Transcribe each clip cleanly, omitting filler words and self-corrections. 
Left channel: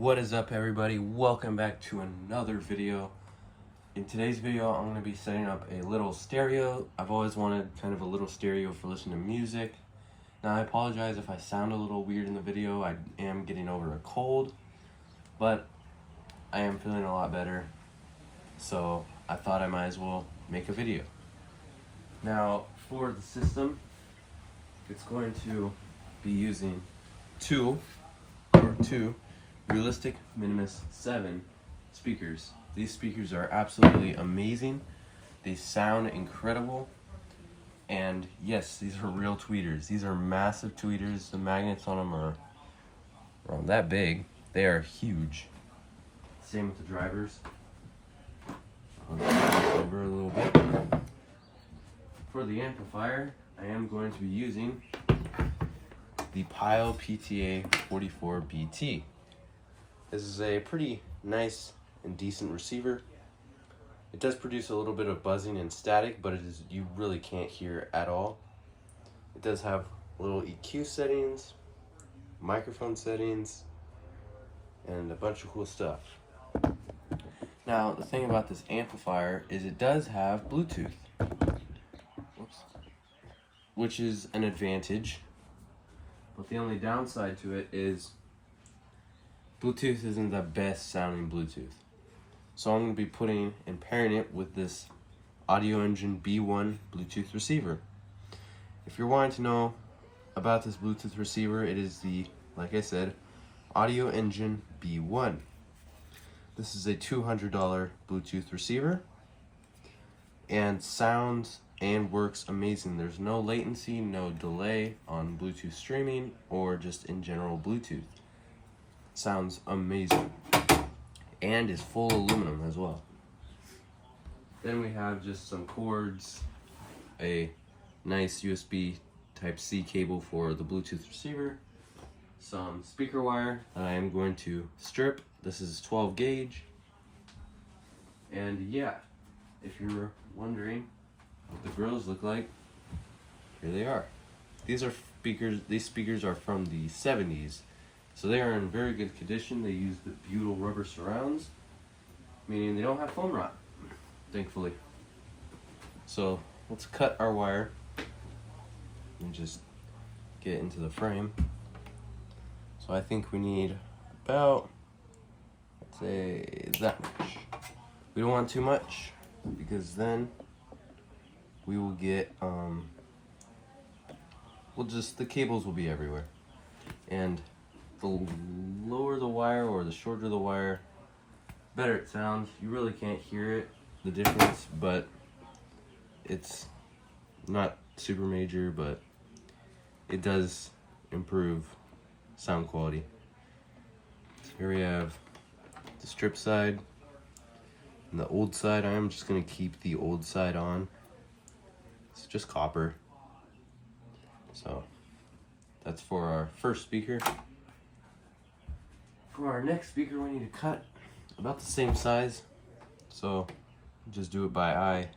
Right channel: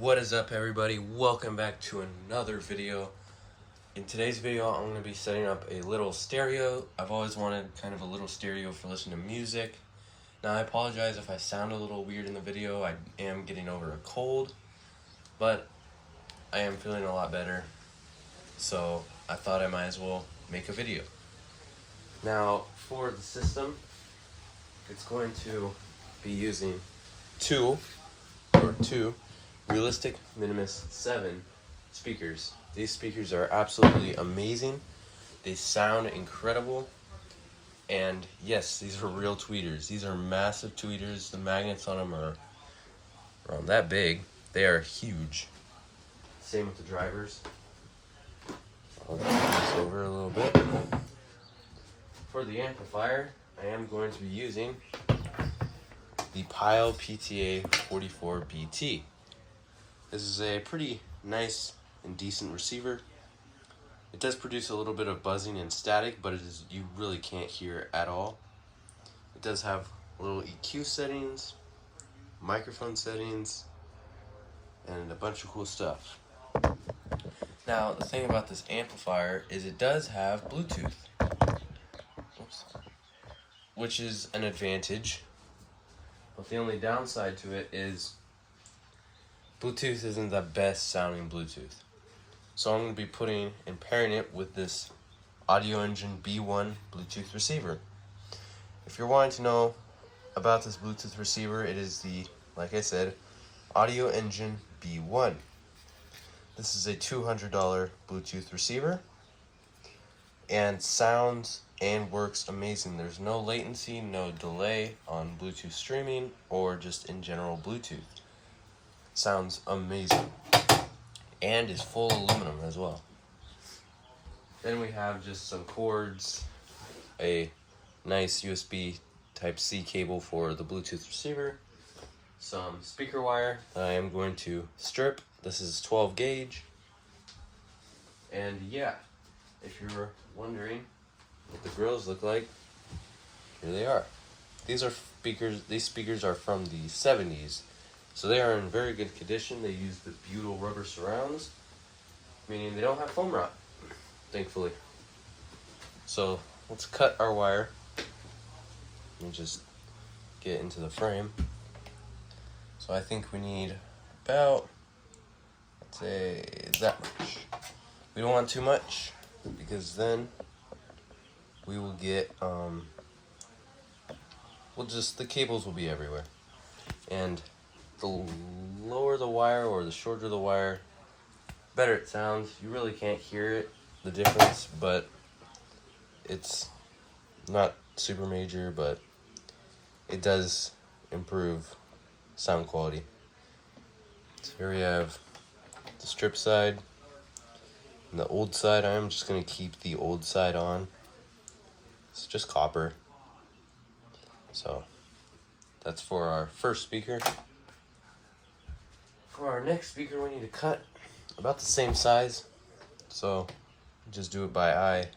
What is up, everybody? Welcome back to another video. In today's video, I'm going to be setting up a little stereo. I've always wanted kind of a little stereo for listening to music. Now, I apologize if I sound a little weird in the video. I am getting over a cold, but I am feeling a lot better, so I thought I might as well make a video. Now, for the system, it's going to be using two Realistic Minimus 7 speakers. These speakers are absolutely amazing. They sound incredible. And yes, these are real tweeters. These are massive tweeters. The magnets on them are around that big. They are huge. Same with the drivers. I'll turn this over a little bit. For the amplifier, I am going to be using the Pyle PTA 44 BT. This is a pretty nice and decent receiver. It does produce a little bit of buzzing and static, but you really can't hear it at all. It does have little EQ settings, microphone settings, and a bunch of cool stuff. Now, the thing about this amplifier is it does have Bluetooth, which is an advantage. But the only downside to it is Bluetooth isn't the best sounding Bluetooth. So I'm going to be putting and pairing it with this Audioengine B1 Bluetooth receiver. If you're wanting to know about this Bluetooth receiver, it is the, like I said, Audioengine B1. This is a $200 Bluetooth receiver and sounds and works amazing. There's no latency, no delay on Bluetooth streaming or just in general Bluetooth. Sounds amazing and is full aluminum as well. Then we have just some cords, a nice USB Type-C cable for the Bluetooth receiver, some speaker wire that I am going to strip. This is 12 gauge. And yeah, if you're wondering what the grills look like, here they are. These speakers are from the 70s. So they are in very good condition. They use the butyl rubber surrounds, meaning they don't have foam rot, thankfully. So let's cut our wire and just get into the frame. So I think we need about, let's say, that much. We don't want too much because then we will get, the cables will be everywhere. And the lower the wire or the shorter the wire, better it sounds. You really can't hear it, the difference, but it's not super major, but it does improve sound quality. So here we have the strip side and the old side. I am just going to keep the old side on. It's just copper. So that's for our first speaker. For our next speaker, we need to cut about the same size. So just do it by eye,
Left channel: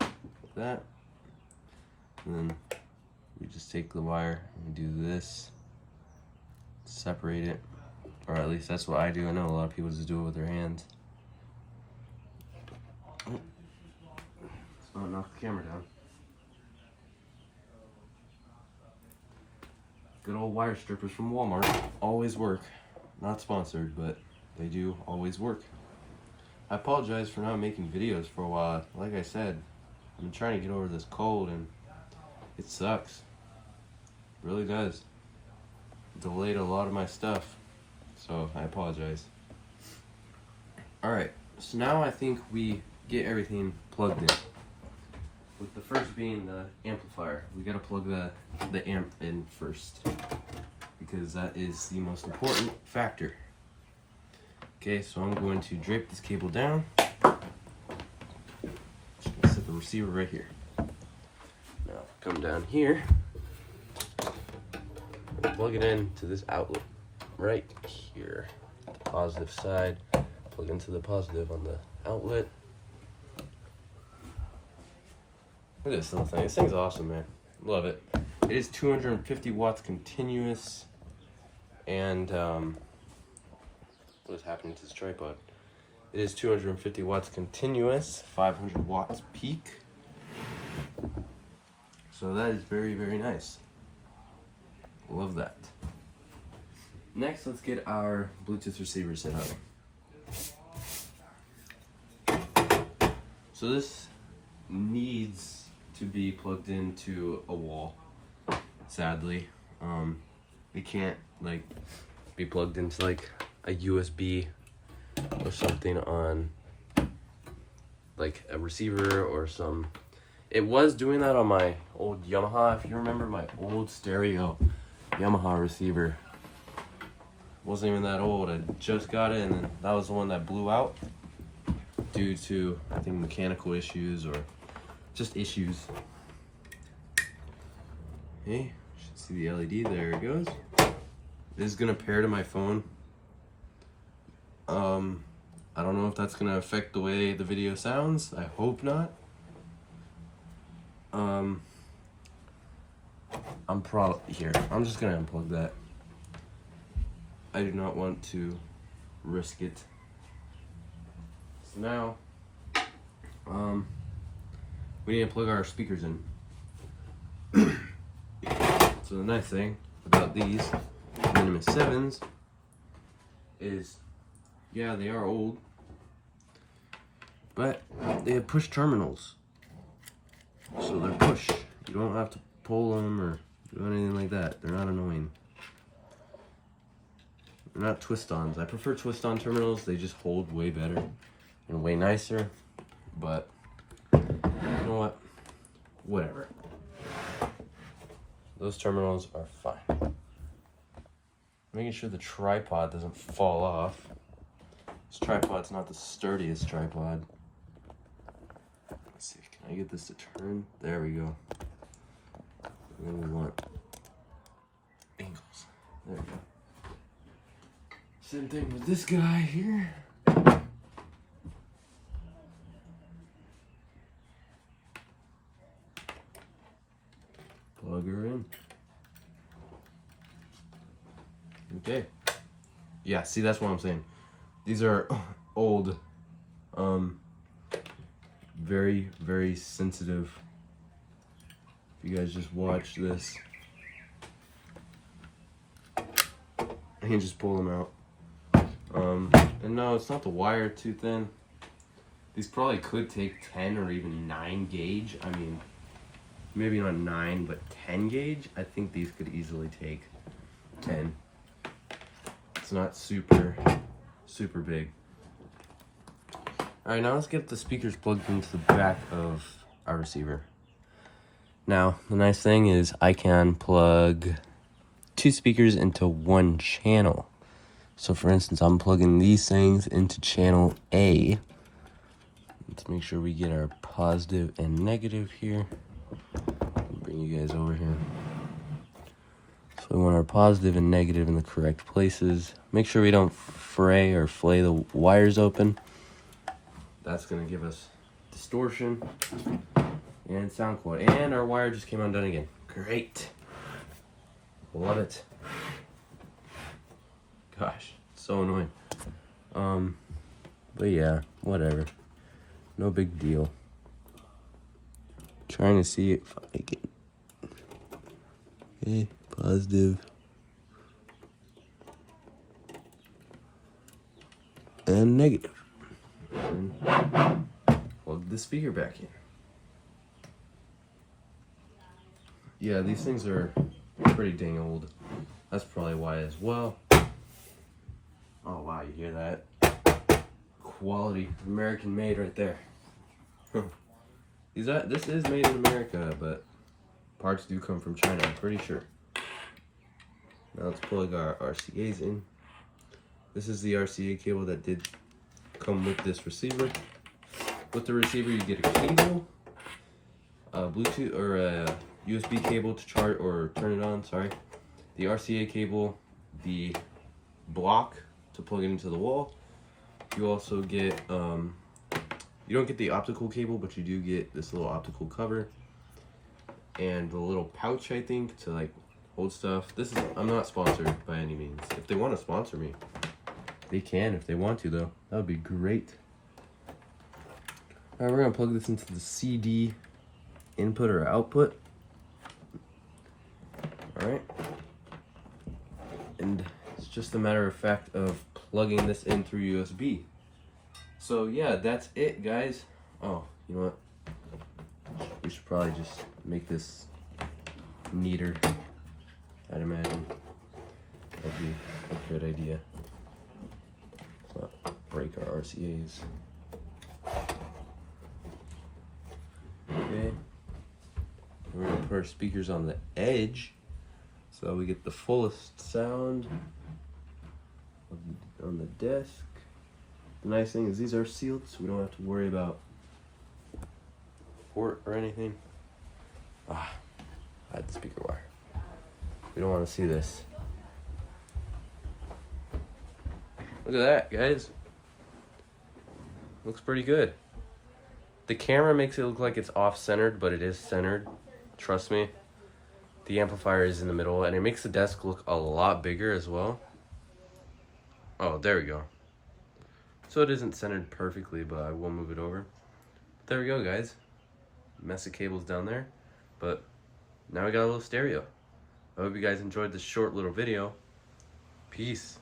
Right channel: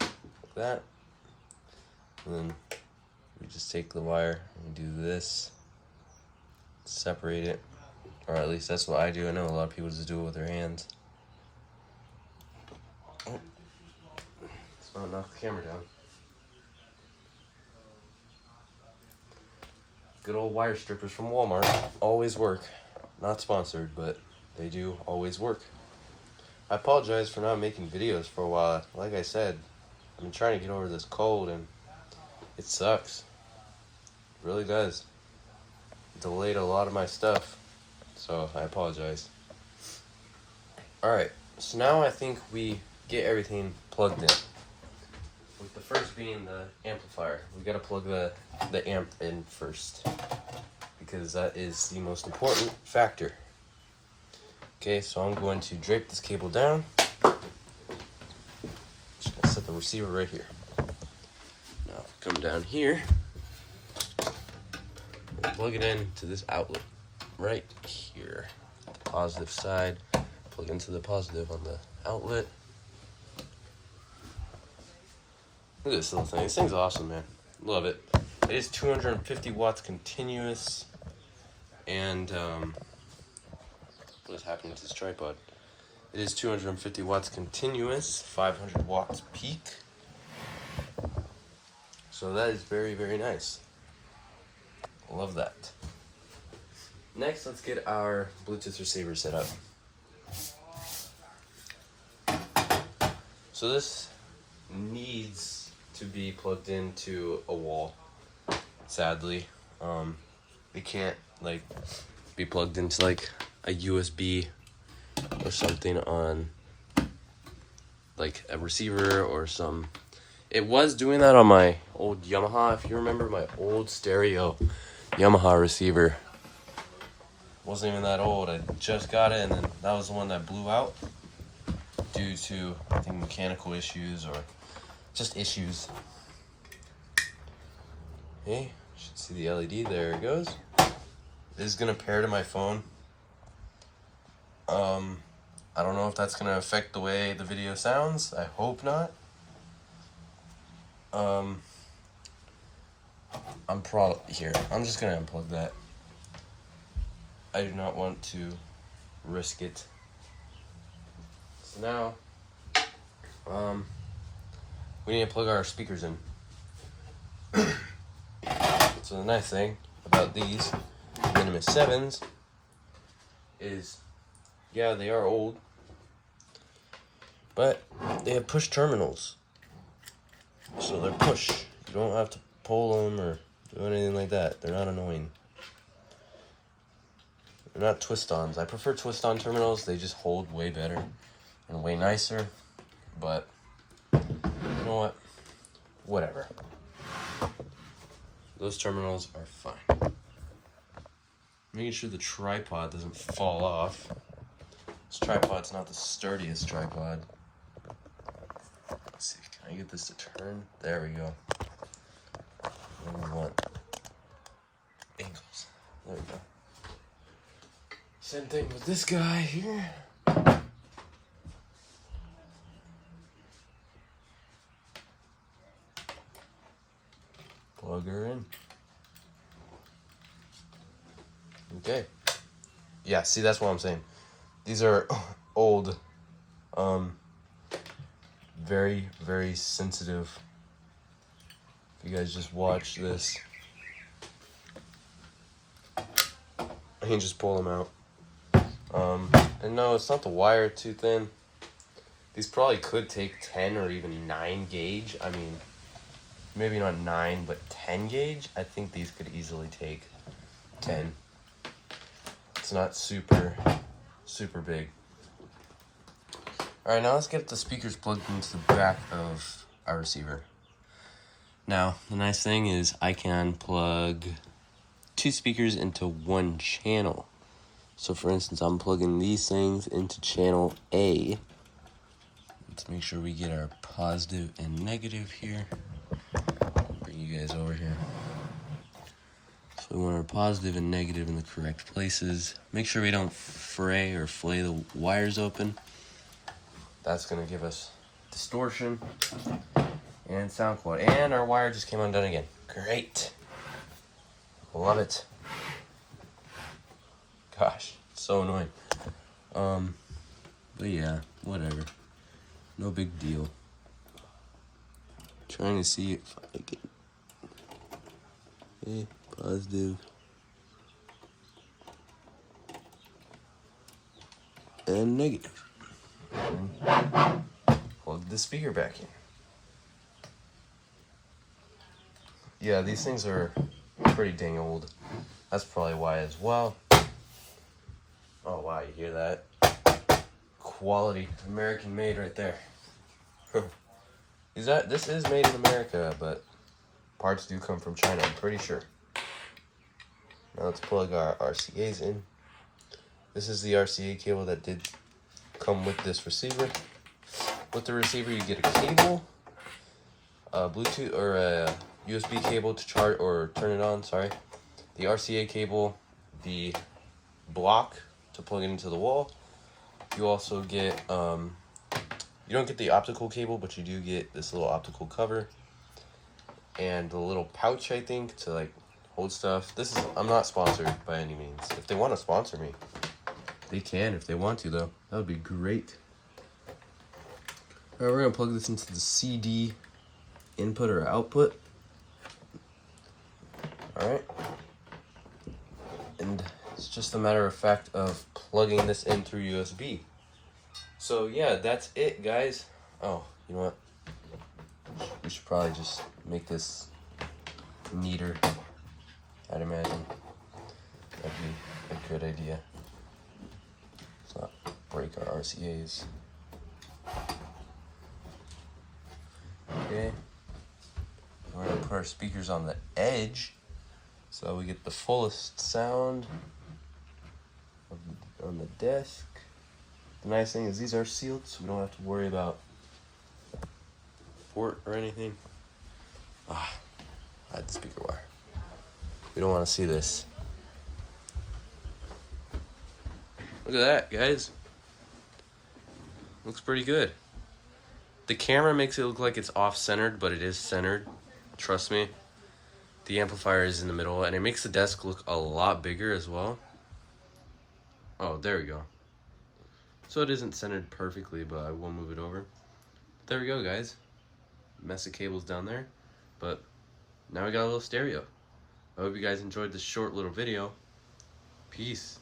like that. And then we just take the wire and do this, separate it, or at least that's what I do. I know a lot of people just do it with their hands. Oh, it's gonna knock the camera down. Good old wire strippers from Walmart always work. Not sponsored, but they do always work. I apologize for not making videos for a while. Like I said, I'm trying to get over this cold and it sucks. It really does. It delayed a lot of my stuff, so I apologize. Alright, so now I think we get everything plugged in. With the first being the amplifier. We gotta plug the amp in first, because that is the most important factor. Okay, so I'm going to drape this cable down. Just gonna set the receiver right here. Now, come down here, we'll plug it in to this outlet right here. The positive side, plug into the positive on the outlet. Look at this little thing. This thing's awesome, man. Love it. It is 250 watts continuous, and what is happening to this tripod. It is 250 watts continuous, 500 watts peak. So that is very, very nice. Love that. Next, let's get our Bluetooth receiver set up. So this needs to be plugged into a wall. Sadly, it can't like be plugged into like a USB or something on like a receiver or some. It was doing that on my old Yamaha. If you remember my old stereo Yamaha receiver, wasn't even that old. I just got it, and then that was the one that blew out due to, I think, mechanical issues or just issues. Hey, you should see the LED. There it goes. This is gonna pair to my phone. I don't know if that's gonna affect the way the video sounds. I hope not. I'm just gonna unplug that. I do not want to risk it. So now, we need to plug our speakers in. So the nice thing about these Minimus 7s is, yeah, they are old, but they have push terminals. So they're push. You don't have to pull them or do anything like that. They're not annoying. They're not twist-ons. I prefer twist-on terminals. They just hold way better and way nicer. But you know what? Whatever. Those terminals are fine. Making sure the tripod doesn't fall off. This tripod's not the sturdiest tripod. Let's see, can I get this to turn? There we go. And then we want angles. There we go. Same thing with this guy here. Plug her in. Okay. Yeah, see, that's what I'm saying. These are old, very, very sensitive. If you guys just watch this, I can just pull them out. And no, it's not the wire too thin. These probably could take 10 or even 9 gauge. I mean, maybe not 9, but 10 gauge. I think these could easily take 10. It's not super big. Alright, now let's get the speakers plugged into the back of our receiver. Now, the nice thing is I can plug 2 speakers into one channel. So for instance, I'm plugging these things into channel A. Let's make sure we get our positive and negative here. I'll bring you guys over here. So we want our positive and negative in the correct places. Make sure we don't fray or flay the wires open. That's gonna give us distortion and sound quality. And our wire just came undone again. Great. Love it. Gosh, so annoying. But yeah, whatever. No big deal. Trying to see if I can. Okay, positive. And negative. And plug the speaker back in. Yeah, these things are pretty dang old. That's probably why as well. Oh wow, you hear that? Quality, American made right there. This is made in America, but parts do come from China, I'm pretty sure. Now let's plug our RCAs in. This is the RCA cable that did come with this receiver. With the receiver you get a cable, a Bluetooth or a USB cable to charge or turn it on, sorry. The RCA cable, the block to plug it into the wall. You also get, you don't get the optical cable, but you do get this little optical cover and a little pouch, I think, to like hold stuff. I'm not sponsored by any means. If they want to sponsor me, They can if they want to, though. That would be great. All right, we're gonna plug this into the CD input or output. All right. And it's just a matter of fact of plugging this in through USB. So yeah, that's it, guys. Oh, you know what? We should probably just make this neater. I'd imagine that'd be a good idea. Let's not break our RCAs. Okay. We're gonna put our speakers on the edge so we get the fullest sound on the desk. The nice thing is these are sealed, so we don't have to worry about port or anything. I had the speaker wire. We don't want to see this. Look at that, guys. Looks pretty good. The camera makes it look like it's off-centered, but it is centered. Trust me. The amplifier is in the middle, and it makes the desk look a lot bigger as well. Oh, there we go. So it isn't centered perfectly, but I will move it over. There we go, guys. Mess of cables down there, but now we got a little stereo. I hope you guys enjoyed this short little video. Peace.